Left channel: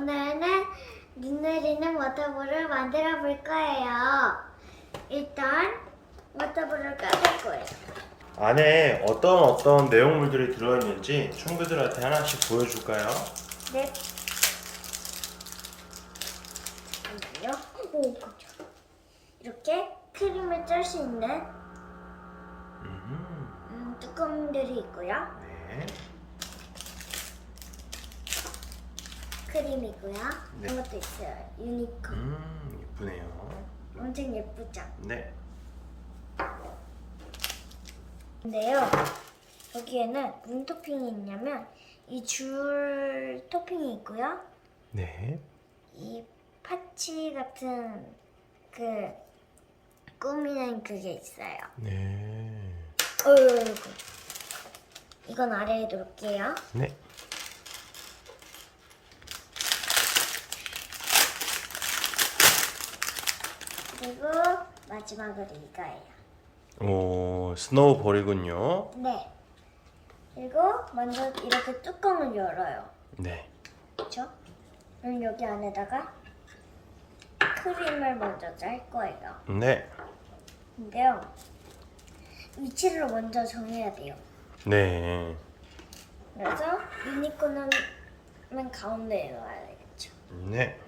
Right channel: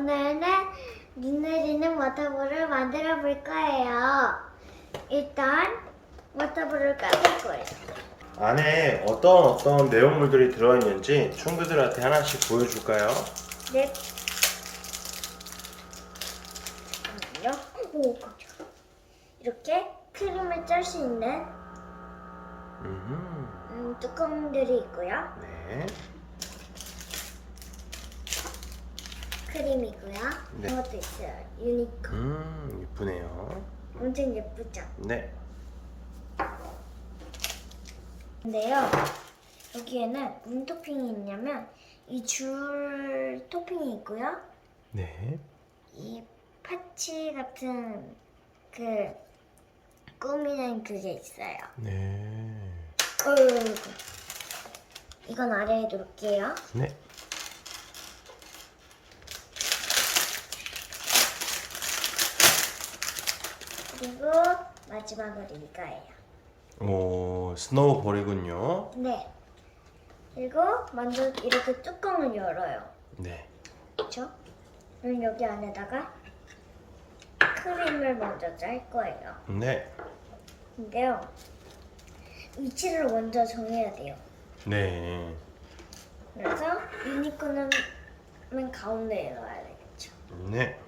오늘은 눈 내리는 워터볼을 만들어 볼 거예요. 일단 워터볼을 까볼 거예요. 안에 어떤 어떤 내용물들이 들어있는지 친구들한테 하나씩 보여줄까요? 네. 잠깐만요. 오, 깜짝. 이렇게 크림을 짤 수 있는 음, 음, 뚜껑들이 있고요. 네. 크림이고요. 네. 이런 것도 있어요. 유니콘. 음, 이쁘네요. 엄청 예쁘죠? 네. 근데요, 여기에는 무슨 토핑이 있냐면 이 줄 토핑이 있고요. 네. 이 파치 같은 그 꾸미는 그게 있어요. 네. 어이구. 이건 아래에 놓을게요. 네. 그리고 마지막으로 이거예요. 오, 스노우볼이군요. 네. 그리고 먼저 이렇게 뚜껑을 열어요. 네. 그렇죠? 그럼 여기 안에다가 크림을 먼저 짤 거예요. 네. 근데요. 위치를 먼저 정해야 돼요. 네. 그래서 유니콘은 맨 가운데에 넣어야 되겠죠. 네.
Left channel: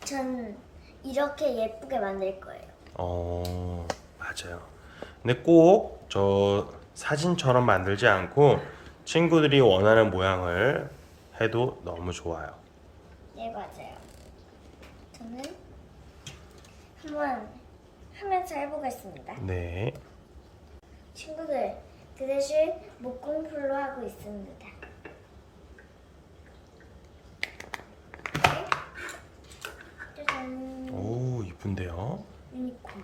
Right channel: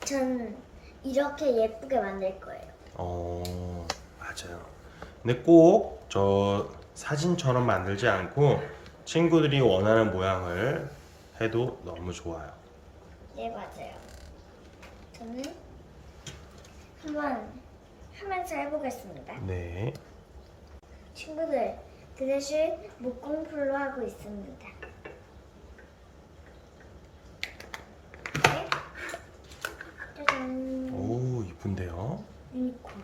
전 이렇게 예쁘게 만들 거예요. 어, 맞아요. 근데 꼭 저 사진처럼 만들지 않고 친구들이 원하는 모양을 해도 너무 좋아요. 네, 맞아요. 저는 한번 하면서 해보겠습니다. 네. 친구들, 그 대신 목공풀로 하고 있습니다. 네. 짜잔. 오, 이쁜데요. 유니콘.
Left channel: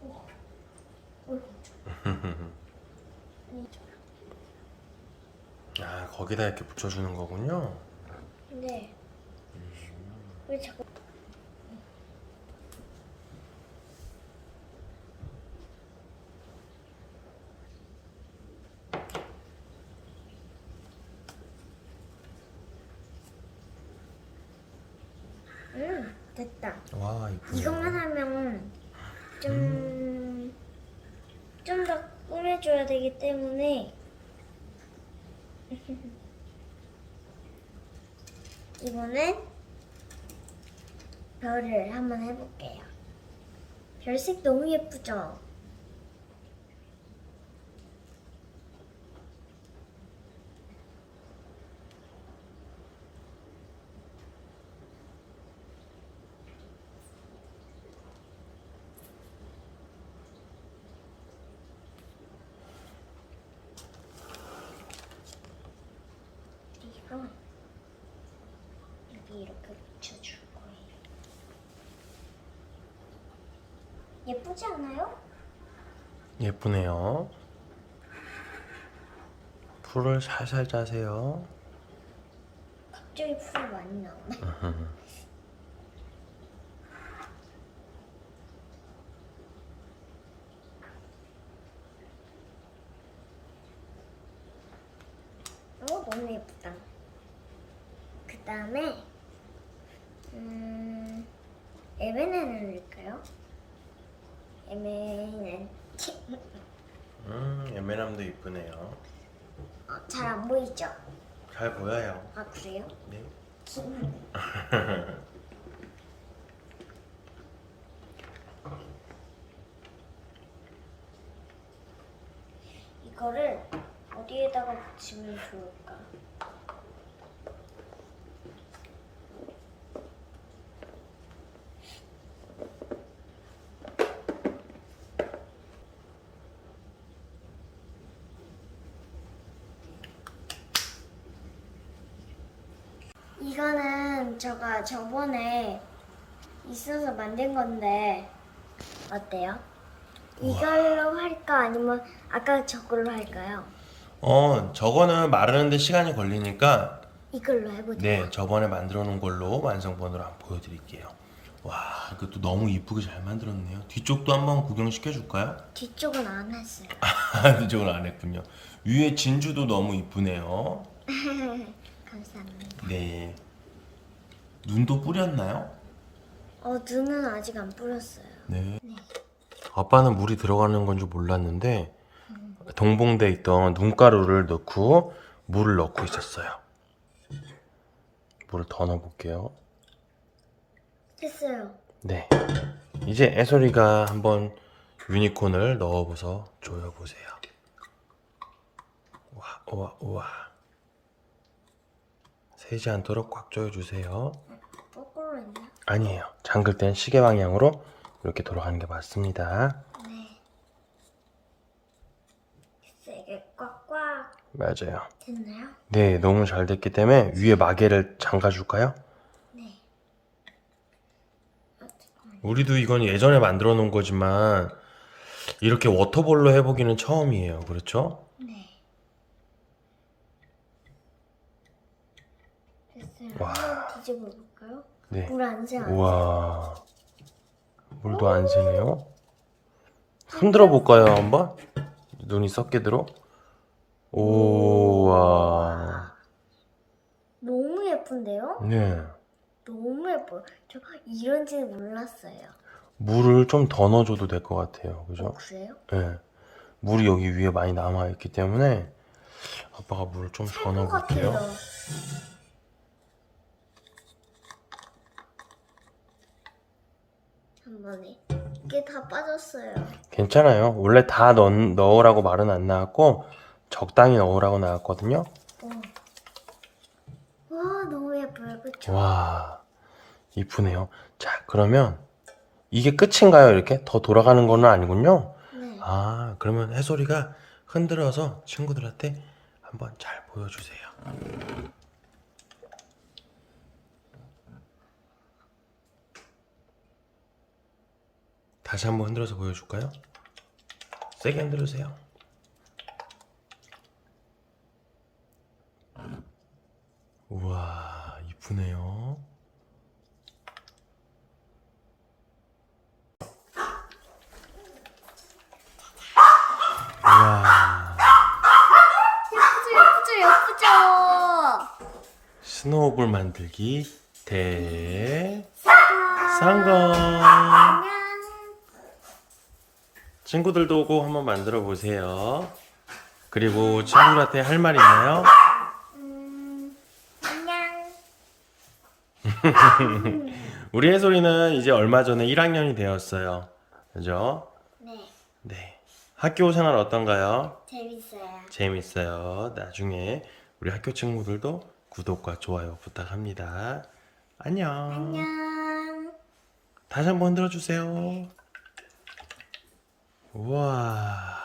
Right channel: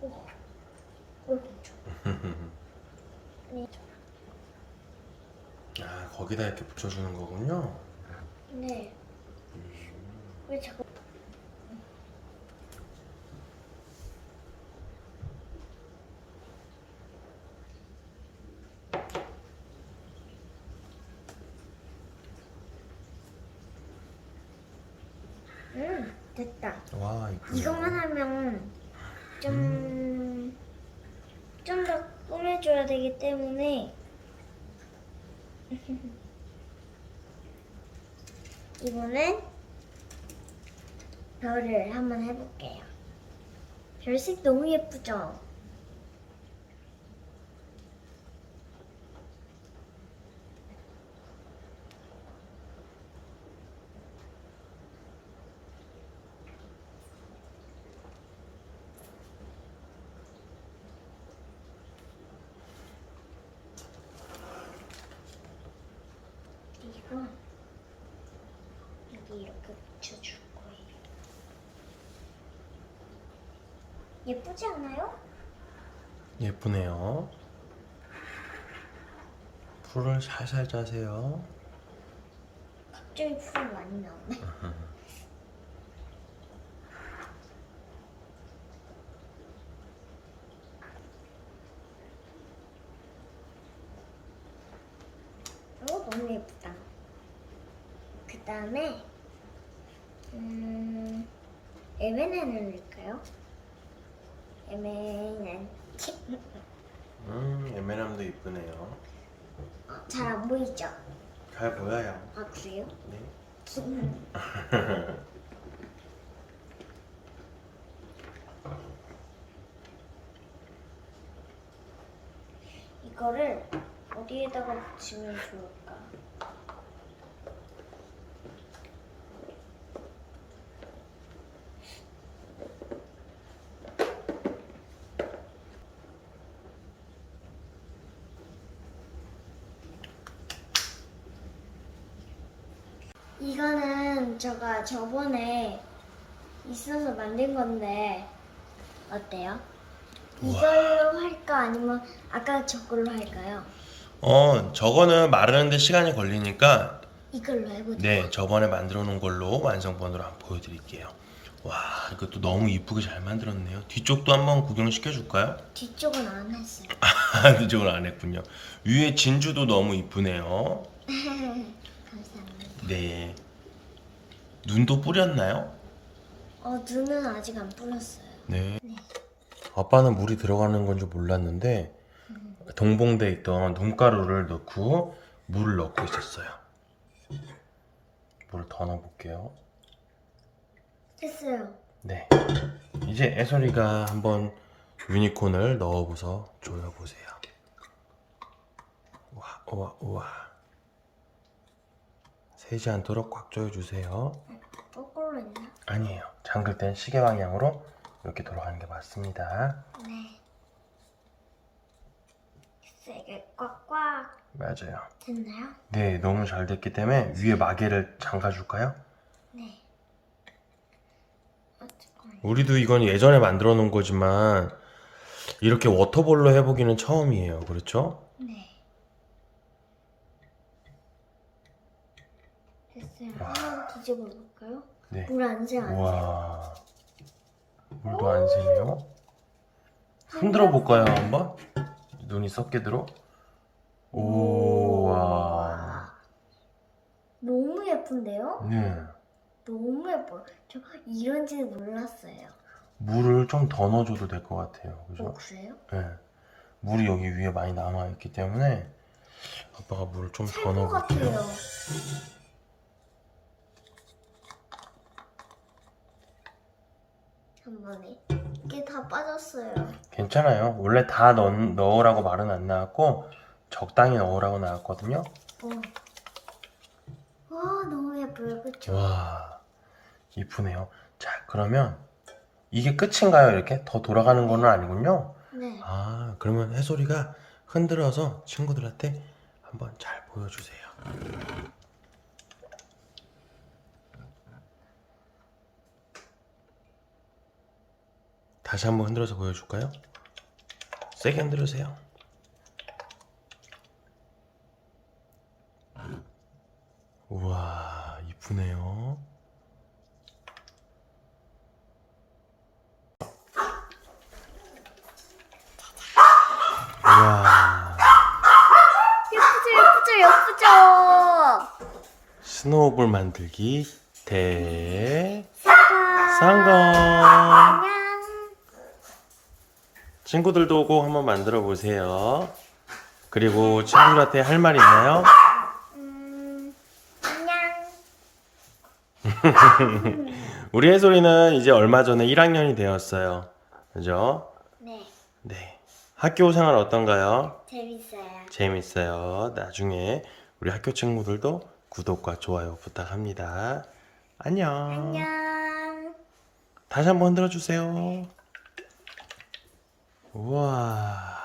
오, 오, 아니, 아, 거기다 이렇게 붙여주는 거군요. 근데 왜 자꾸 음 됐다 와, 이쁘네. 이것만 하면 좀 좀 더 꾸며줘야 되기 때문에 이번엔 별을 한번 해볼게요. 별색 너무 예쁘죠? 이건 여기 이렇게 붙여줄 거예요. 예쁘지 않아요? 예쁘네요. 풀을 살살 짜세요. 갑자기 풀이 많이 나오네. 어, 너무 예쁘다. 그 다음에, 음, 에메넨을 넣을까요? 에메넨. 음, 에메랄드 이쁘네요. 어, 잘 안 보이죠? 잘 보여요. 아, 그래요? 네. 이거를 어디에다가 붙이면 좋을까? 이거는 제가 저번에 있어서 만든 건데 어때요? 이걸로 할까 아니면 아까 저걸로 할까요? 어, 저거는 마르는데 시간이 걸리니까 이걸로 해보자. 네, 저번에 만들어 놓은 걸로 완성본으로 한번 보여드릴게요. 와, 이것도 너무 이쁘게 잘 만들었네요. 뒤쪽도 한번 구경시켜 줄까요? 뒤쪽은 안 했어요. 뒤쪽은 안 했군요. 위에 진주도 너무 이쁘네요. 감사합니다. 네. 눈도 뿌렸나요? 어, 눈은 아직 안 뿌렸어요. 네. 아빠는 물이 들어가는 건 줄 몰랐는데 동봉돼 있던 눈가루를 넣고 물을 넣고 있었어요. 물을 더 넣어볼게요. 됐어요. 네. 이제 애소리가 한번 유니콘을 넣어보서 조여보세요. 우와, 우와, 우와. 새지 않도록 꽉 조여주세요. 거꾸로 있나? 아니에요. 잠글 땐 시계 방향으로 이렇게 돌아가는 게 맞습니다. 네. 세게 꽉꽉 맞아요. 됐나요? 네, 너무 잘 됐기 때문에 위에 마개를 잠가줄까요? 네. 아, 잠깐만요. 우리도 이건 예전에 만들어 놓은 거지만 이렇게 워터볼로 해보기는 처음이에요. 그렇죠? 네. 됐어요. 와. 한번 뒤 집어 볼까요? 네. 물 안 새요. 안 새요. 우와. 물도 안 새네요. 흔들어 볼까요, 한번? 눈이 썩게 들어? 오 와. 너무 예쁜데요? 네. 너무 예뻐요. 저 이런지 몰랐어요. 물을 좀 더 넣어줘도 될 것 같아요. 어, 그죠? 그래요? 네. 물이 여기 위에 많이 남아있기 때문에 아빠가 물을 좀 더 살 것 넣어볼게요. 같아요. 한 번에 이게 다 빠졌어요. 괜찮아요. 원래 다 넣, 넣으라고 말은 안 나왔고 적당히 넣으라고 나왔거든요. 어. 와 너무 예뻐요, 그렇죠? 와, 이쁘네요. 자, 그러면 이게 끝인가요? 이렇게 더 돌아가는 거는 아니군요. 네. 아, 그러면 해솔이가 흔들어서 친구들한테 한번 잘 보여주세요. 다시 한번 흔들어서 보여줄까요? 세게 흔들으세요. 우와, 이쁘네요. 우와. 예쁘죠, 예쁘죠, 예쁘죠. 스노우볼 만들기 대 쌍가. 성공. 안녕. 친구들도 오고 한번 만들어 보세요. 그리고 친구들한테 할 말 있나요? 음, 안녕. 우리 해솔이는 이제 얼마 전에 1학년이 되었어요. 그죠? 네, 네. 학교 생활 어떤가요? 재밌어요. 재밌어요. 나중에 우리 학교 친구들도 구독과 좋아요 부탁합니다. 안녕. 안녕. 다시 한번 흔들어 주세요. 우와.